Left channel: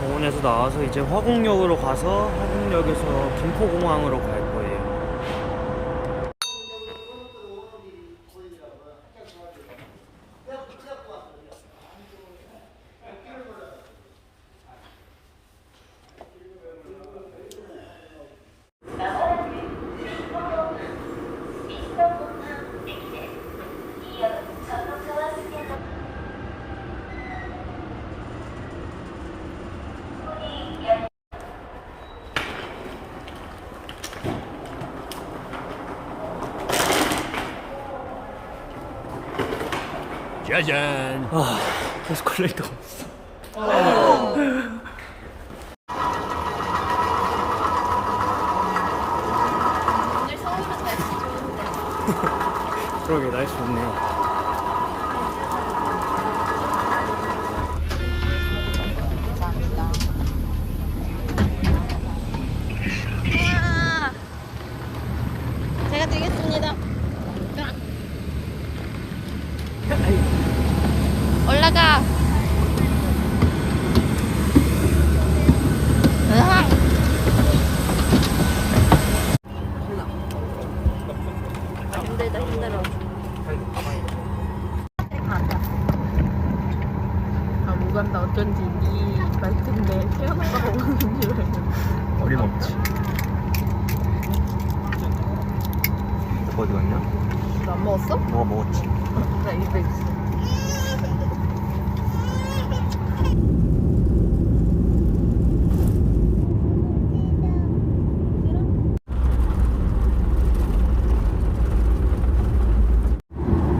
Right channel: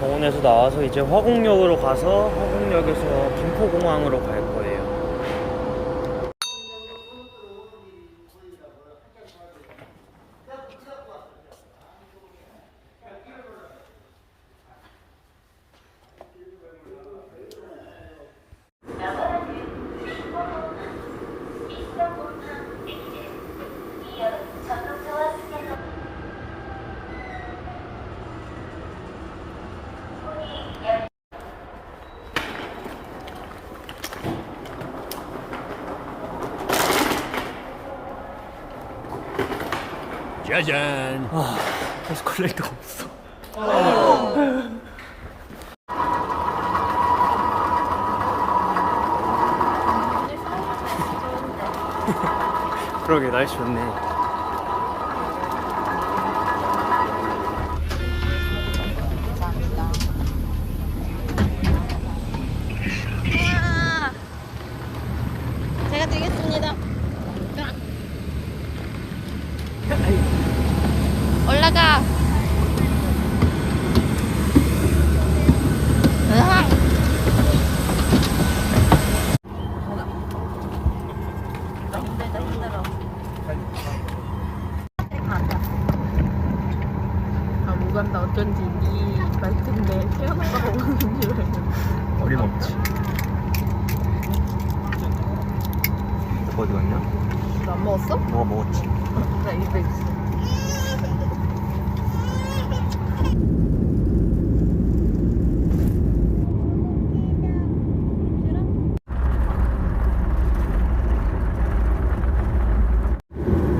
병원에서 나와서 이제 화곡역으로 가서 화곡역에서 김포공항으로 갈 거예요. 짜잔. 아, 에스컬레이터가 없어. 오늘 서울은 날씨 좋은데. 그러게 날씨 좋네. 감사합니다. 우와. 제가 드리겠습니다. 올라가. 으악. 힘들다 힘들어. 아, 못 간다. 어쩐지 네 말투인데 태어나다가 오는 줄 알고. 어림없지. 갔냐? 너안 먹었어? 뭐가 먹었지? 나 입에 있어.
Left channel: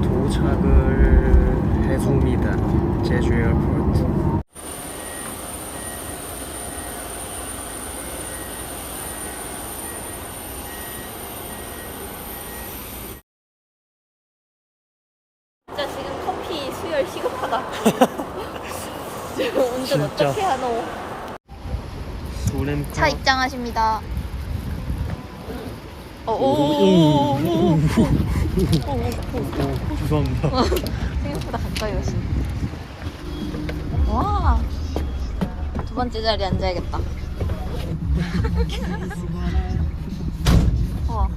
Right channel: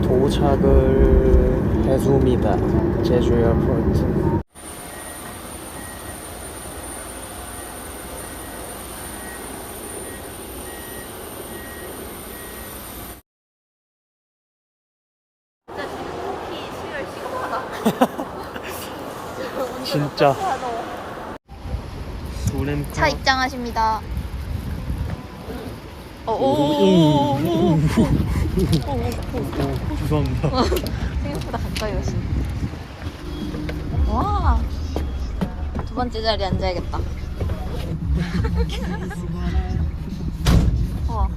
도착을 해줍니다. 제주 에어포트. 진짜 지금 커피 수혈 시급하다. 지금 운전 진짜. 차 입장하십니다. 어, 오오 오 오 오 죄송합니다. 생각보다 가까이 오시네. 와. 두 번째 자리에 앉아야겠다. 와.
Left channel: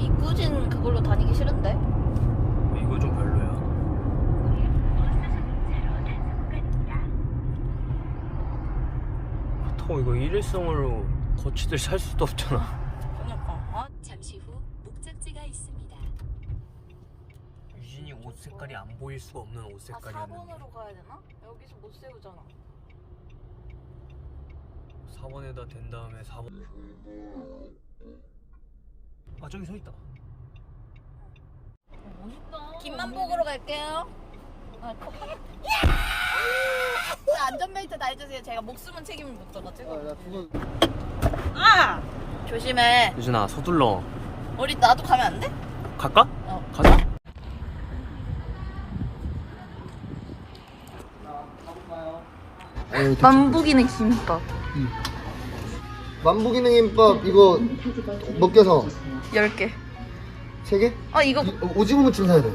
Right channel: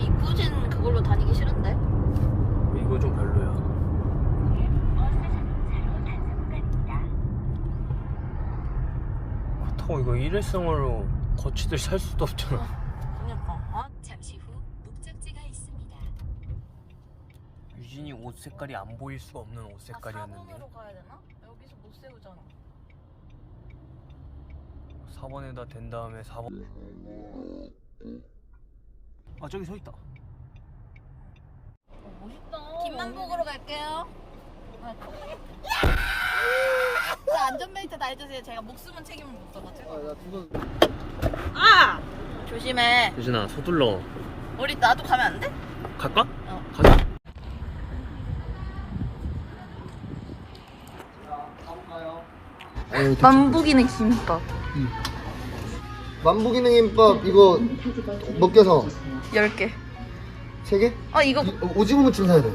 이 꾸진 그걸로 다니기 싫은데? 이거 좀 별로야. 그렇다고 이거 일회성으로 거치들 살 수도 없잖아. 그니까. 어? 잠시 후 목적지가 있습니다. 유진이 옷 색깔이 안 보일 수가 없는 옷 색깔이었는데. 아, 4번으로 가야 되나? 여기서 못 세우잖아. 4번에다 댄 다음에 4번. 아 저기 서 있다. 김만 보러 갈게요. 아. 자, 안전벨트 다 해주세요. 제가 목숨은 책임을 못 져가지고. 아! 조심해. 유진아 서둘러. 우리 나도 가면 안 돼? 갈까? 어. 가자. 네, 만보기는 김밥 만부기능김밥 이거 먹겨서 10개 세 개? 아 이거 이- 오징어 무침 사야 돼.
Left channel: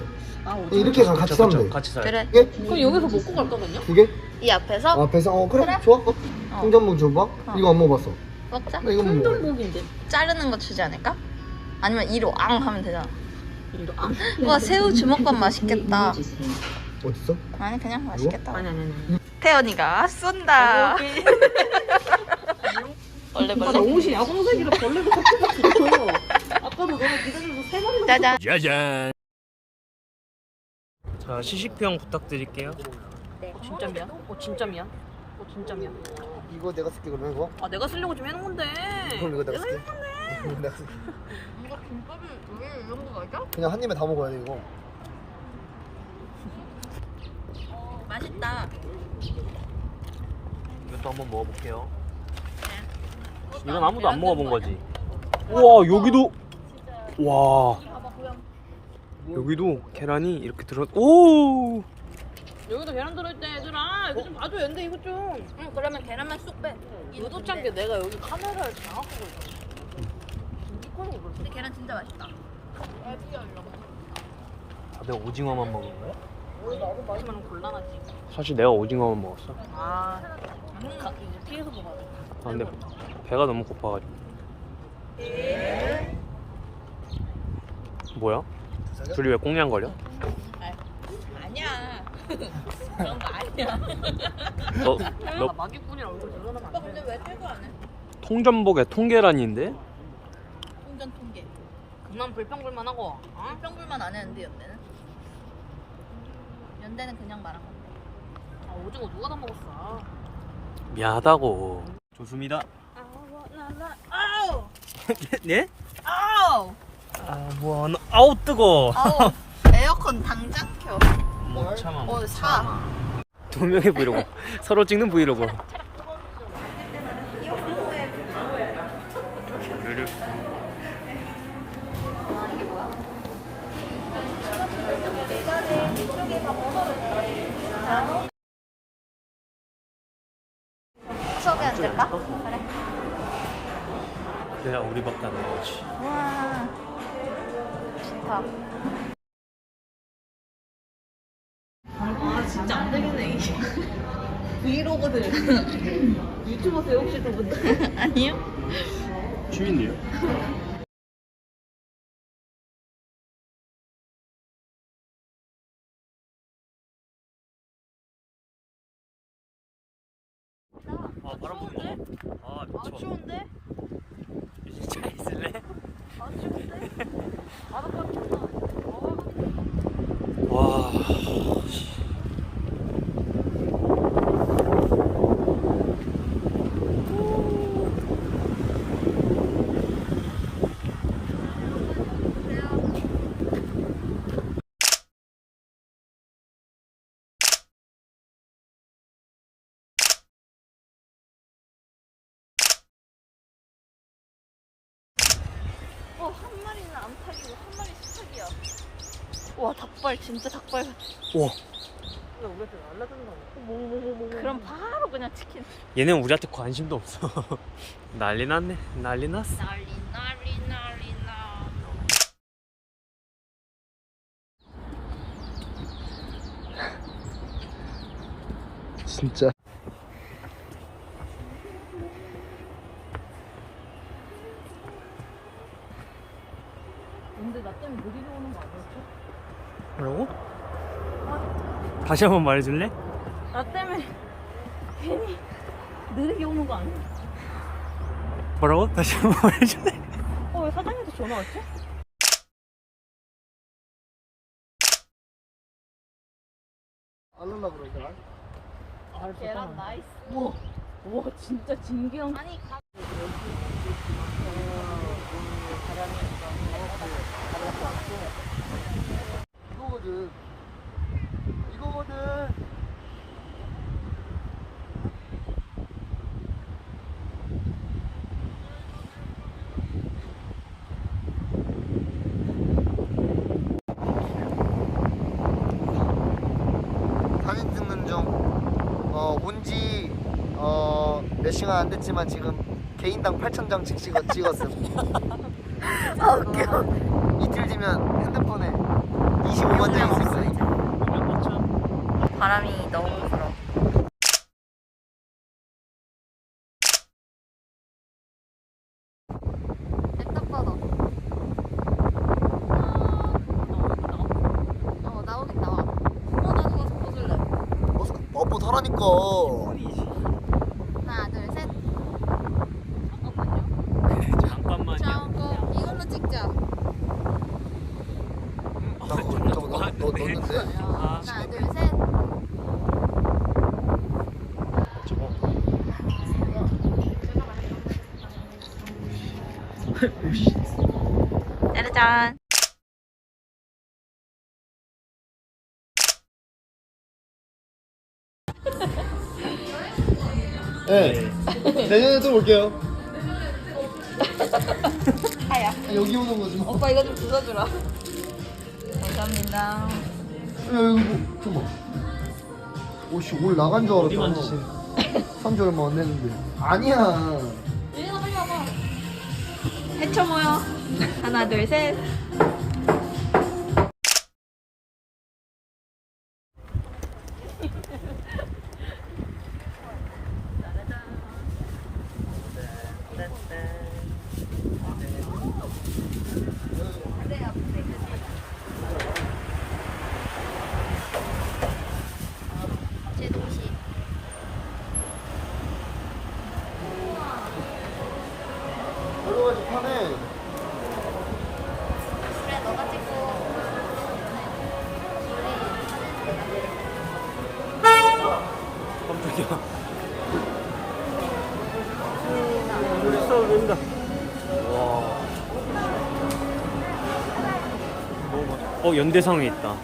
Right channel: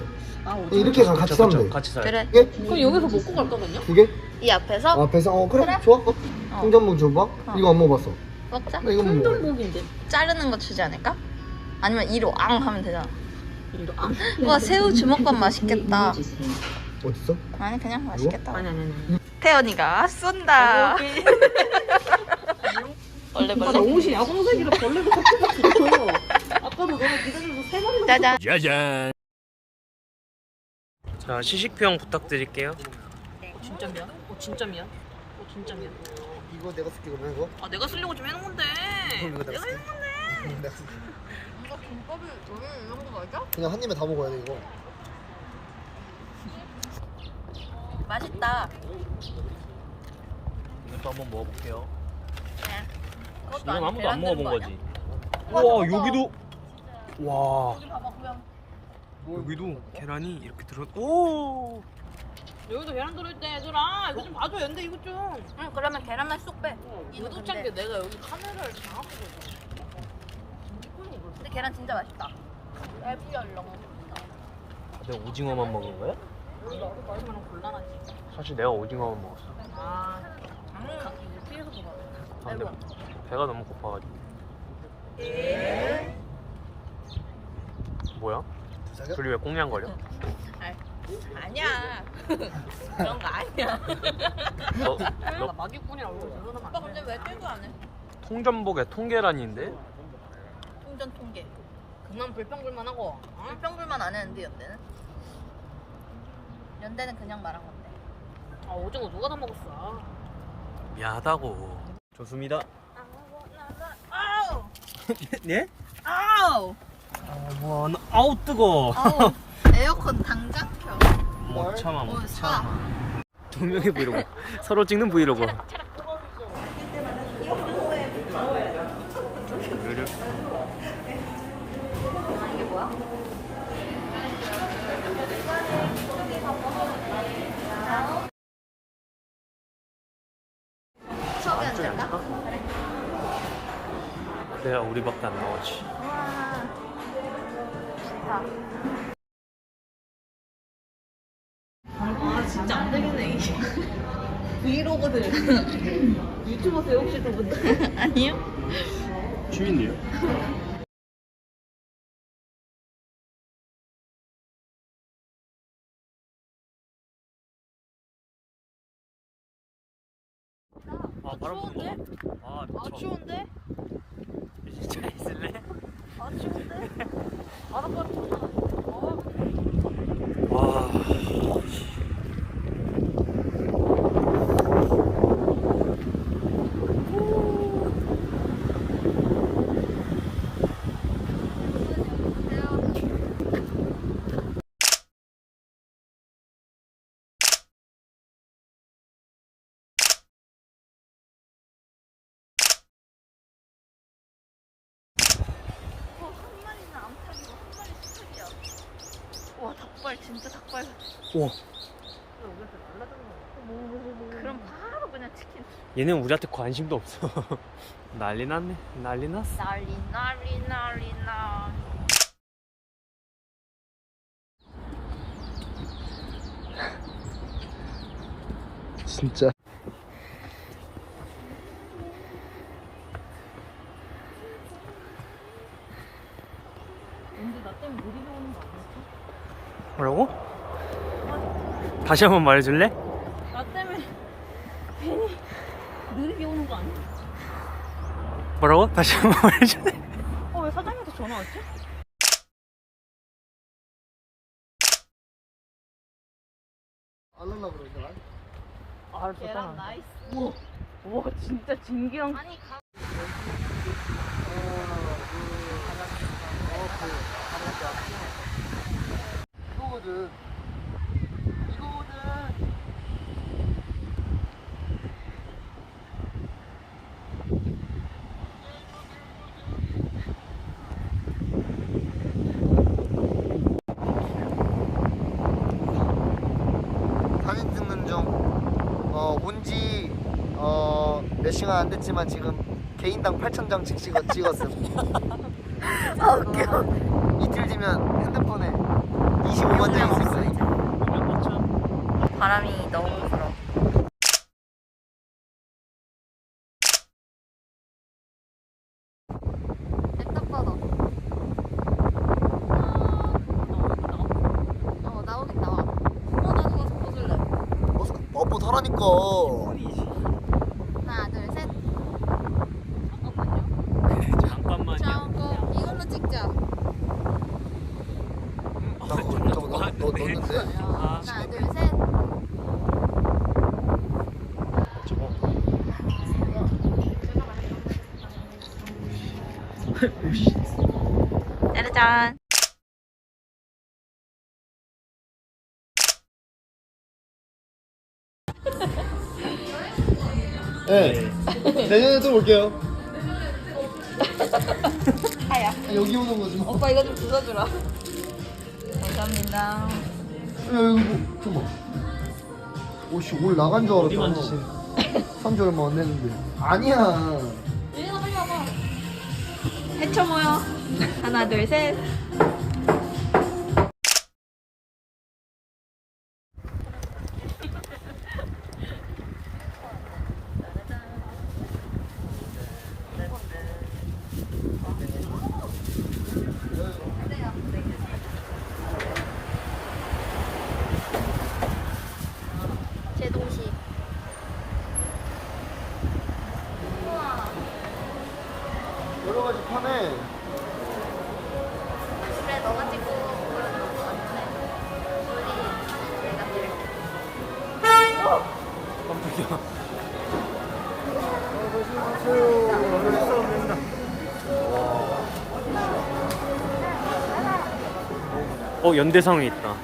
이렇게 가- 같이 사면 돼. 같이 사요. 그래 두 개? 그럼 여기서 먹고 갈까 그냥? 두 개? 이 앞에서 아, 배상 어 그래? 좋아. 어. 통전복 줘봐. 이거 안 먹어봤어. 먹자 나 이거 못 먹어. 통전복인데 자르는 거 주지 않을까? 아니면 이로 앙 하면 되잖아 와 새우 주먹밥 맛있겠다 어딨어? 아니 그냥 맛있겠다 아니 아니 아니. 태연이가 쏜다 원래 아, 나 벌레 옷이 야광색이라 벌레가 섞여가지고. 아까도 너무 기다려서 세 마리 짜잔 짜잔. 자 시식평 부탁드릴게요. 어, 진짜 미안. 어 진짜 미안. 어 진짜 미안. 이거 내가 쓸게 그러면 이거. 아 내가 쓰려고 좀 해놓은 건데. 그럼 이거 내가 쓸게. 이거 내가 쓸게. 이거 김밥이 왜 이런 거 맞아? 그냥 한 입에 다 먹어야 돼 이거. 맛있다. 이것도 한번 먹어볼게요. 그것도 이건 안- 아무도 안 먹어본 거 거지. 우와 여기도 와 아니야? 봐봐 고양. 여기도 계란이 이렇게 들어. 오. 여기도 계란 들어있대 얘들아. 이거 좀 봐줘 연대 이거 좀. 응 그러면 계란만 쏙 빼. 의도치 않게 내가 여기 카메라를 장악하고. 근데 계란 진짜 맛있다. 얇게 얼렁. 다들 오징어만 먹은 거야? 그러면 곤란하지. 사실 내가 오징어만 먹었어. 아. 음, 피해서 먹어. 아, 근데 배가 너무 고파가지고. 뭐야? 자기야? 둘이 왜 꽁냥거려? 아니야. 그런 거 아니야. 너, 나너 마기꾼이랑 얼굴 드러나면 오빠 안 근데 돼. 왜 끌고 안 해? 통전복에 통계란인데? 통전 통계. 그만 불평불만 하고. 어? 평불만 안 했는데 연대는? 연대는 그냥 말한 건데. 아 오징어 누가 다 먹었어? 미안하다고. 좋습니다. 네? 아우! 아, 뭐야. 나- 아우, 뜨거. 아우 에어컨 당장 켜. 못 참아, 못. 참아. 두 명의 브이로그. 서로 찍는 브이로그. 우르르. 안 안. 그래야 우리밖에 안 나오지. 아 진짜 안 되겠네 이게. 브이로그들. 유튜버세요 혹시 두 분들? 아니요 취미인데요? 아 바람 부는 거 봐. 아 미쳐. 추운데? 진짜 있을래? 와. 씨. 어, 한 마리는 암탉이고 한 마리 수탉이야. 와 닭발 진짜 같아. 와. 그럼 바로 그냥 치킨. 얘는 우리한테 관심도 없어. 난리 났네. 난리 났어. 난리 난리 난리 나. 진짜. 근데 나 때문에 느리게 오는 거 아니었지? 뭐라고? 다시 한 번 말해줄래? 나 때문에 괜히 느리게 오는 거 아니야? 뭐라고? 다시 한 번 말해줄래? 어 왜 사장님한테 전화 왔지? 안 올라 그러더라. 알았어. 계란 나이스. 우와, 우와 진짜 진기랑 아니 가. 이거거든. 이거거든. 사진 찍는 중. 어, 온지 어, 몇 시간 안 됐지만 지금 개인당 8,000장씩 찍었, 찍었음. 아, 웃겨. 이틀 뒤면 핸드폰에 25만 장 거야. 바람이 너무 불어. 딱 봐도. 어, 나오긴 나와. 어, 나 그거 보실래. 머스크 뽀뽀 타라니까. 하나, 둘, 셋. 잠깐만요. 저거 이걸로 찍자. 나 그거 저거 너, 너 넣었는데? 아, 하나, 둘, 셋. 저거. 짜라짠. 네. 내년에 또 올게요. 하야. 여기 오는 거지 뭐. 오빠 이거 좀 부숴주라. 감사합니다. 야, 이거 뭐, 잠깐만. 오씨, 올 나간 줄 알았다. 어디 만지신? 3주 얼마 안 됐는데. 아니야. 유진아 빨리 와봐. 해쳐 모여. 하나, 둘, 셋. 어 연대상에 있다.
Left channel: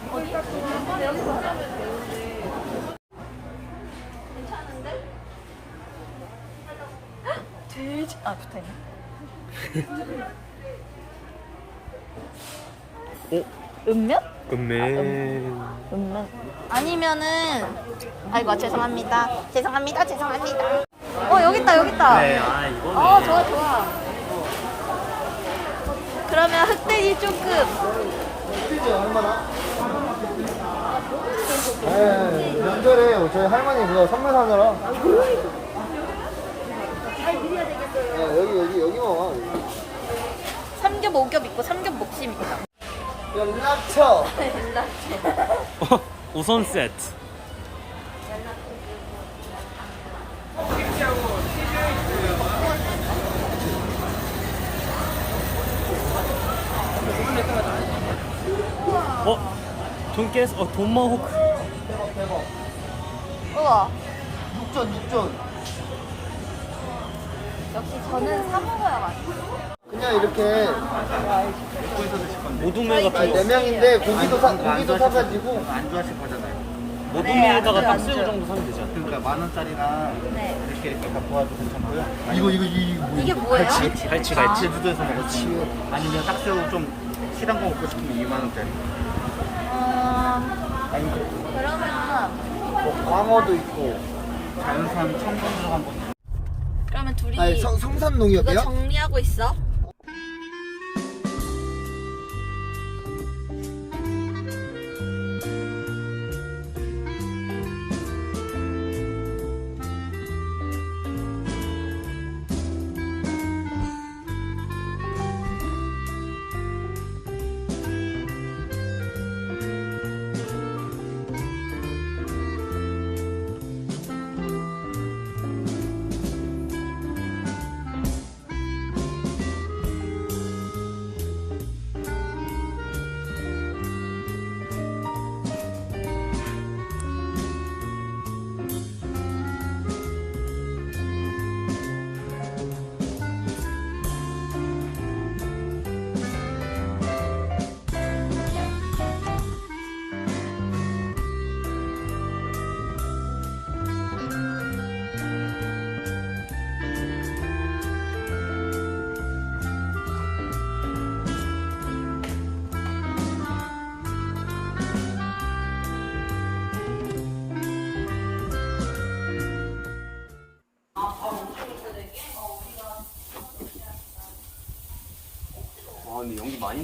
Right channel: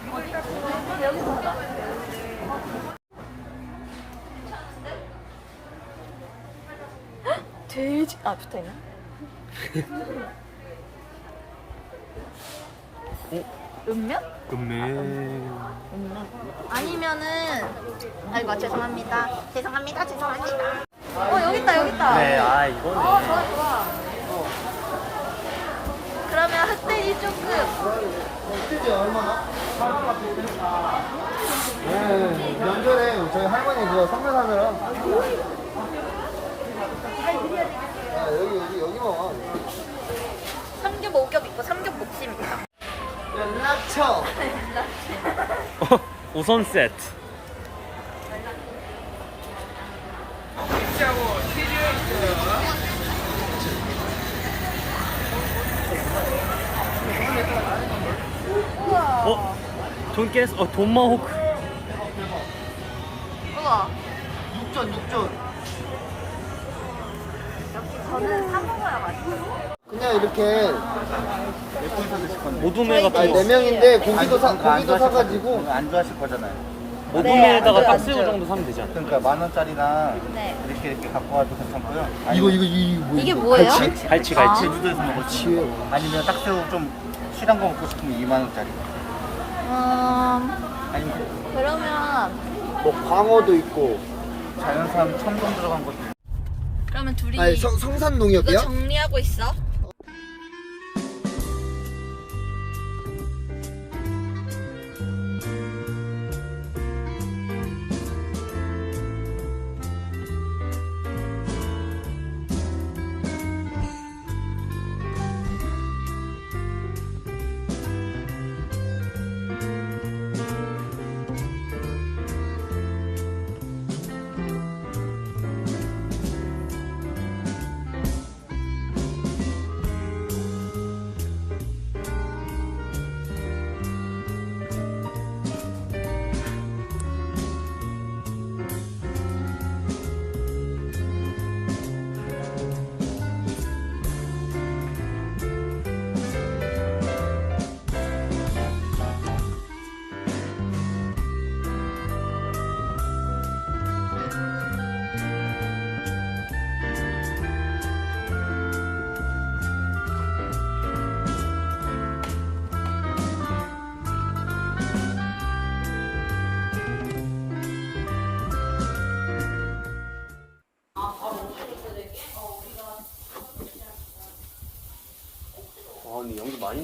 여기서 하자. 돼지. 아 붙어 있네. 어? 은면? 금메. 은면. 아니면은 아이 고 죄송합니다. 죄송합니다. 죄송합니다. 어 여기 있다 여기 있다. 그래 아 이거네. 그러면 흑돼지 조금 흑돼지 얼마나? 네, 명절에 저희 할머니 그거 선물 사느라. 아, 여기, 여기, 여기 뭐. 삼겹 오겹 있고 삼겹 목심 있고. 연락처. 어, 우선 세트. 어? 돈 깨스? 어 돈마호크 우와. 육전, 육전. 그냥 이렇게 모둠회 같은 아니, 네거 명인데 고기도 사 고기도 사가지고 안 좋아하실 거잖아요. 모둠회에다가 네, 딱새우 정도 사면 되지 않나? 그러니까 만 원짜리나 네. 이렇게 이렇게 갖고 와도 괜찮고요. 이거 이거 이거 뭐 이게 뭐예요? 갈치? 갈치 갈치 제주도에서 먹었지. 아니면 딱새우 좀 실한 거 먹고 싶으면 2만 원짜리. 음, 아니면 그 그러면 뭐 광어도 있고. 자연산 첨벙 들어간 것도 그러면 둘이 아니 성 성산 이거 농협이야? 정리하고 있어.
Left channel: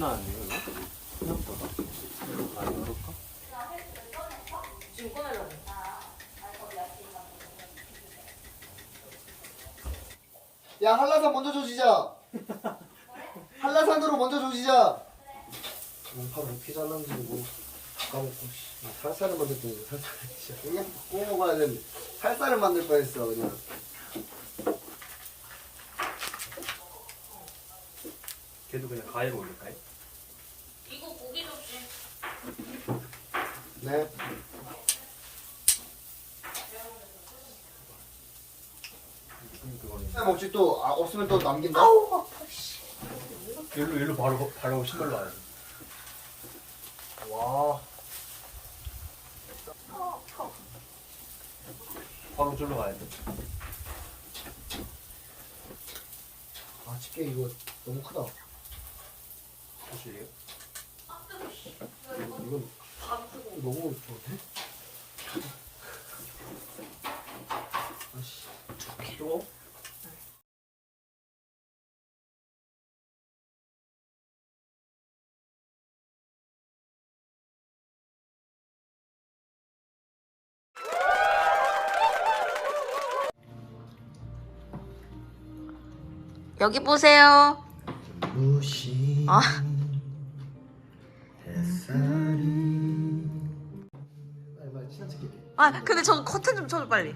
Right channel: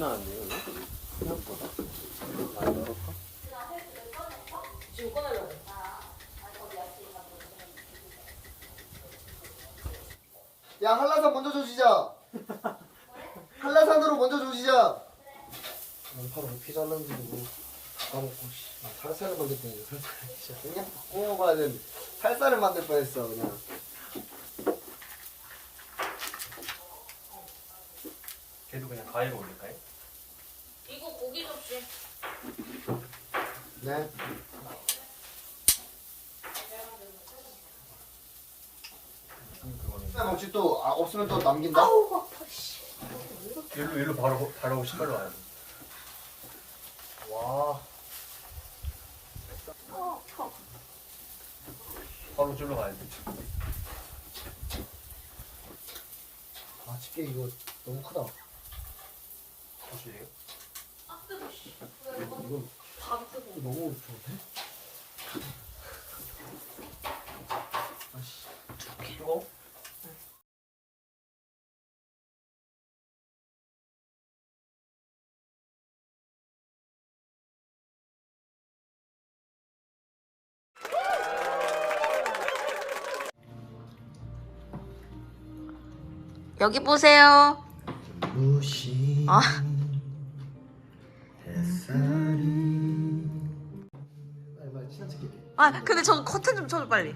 나는데 이거? 생각보다. 아, 이렇게? 야 한라산 먼저 조지자 한라산으로 먼저 조지자 양파를 어떻게 잘랐는지 뭐 까먹고 씨. 살살을 만들 뻔했어 살살 진짜 그냥 구워 먹어야 되는데 살살을 만들 뻔했어 그냥 걔도 그냥 가위로 올릴까요? 네 네, 먹지 또 아, 없으면 또 남긴다 일로 일로 바로 바로 신발로 와야 돼. 와. 바로 절로 가야 돼. 아 집게 이거 너무 크다 혹시 이게? 이건 너무 좋은데? 아씨 뜨거? 여기 보세요. 무시 아. 아 근데 저 커튼 좀 쳐줘 빨리.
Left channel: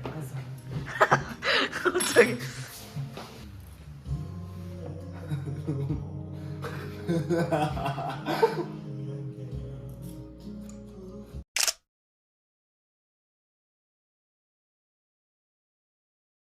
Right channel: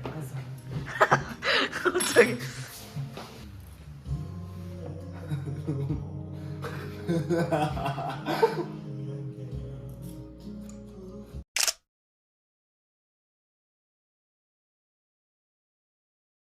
갑자기.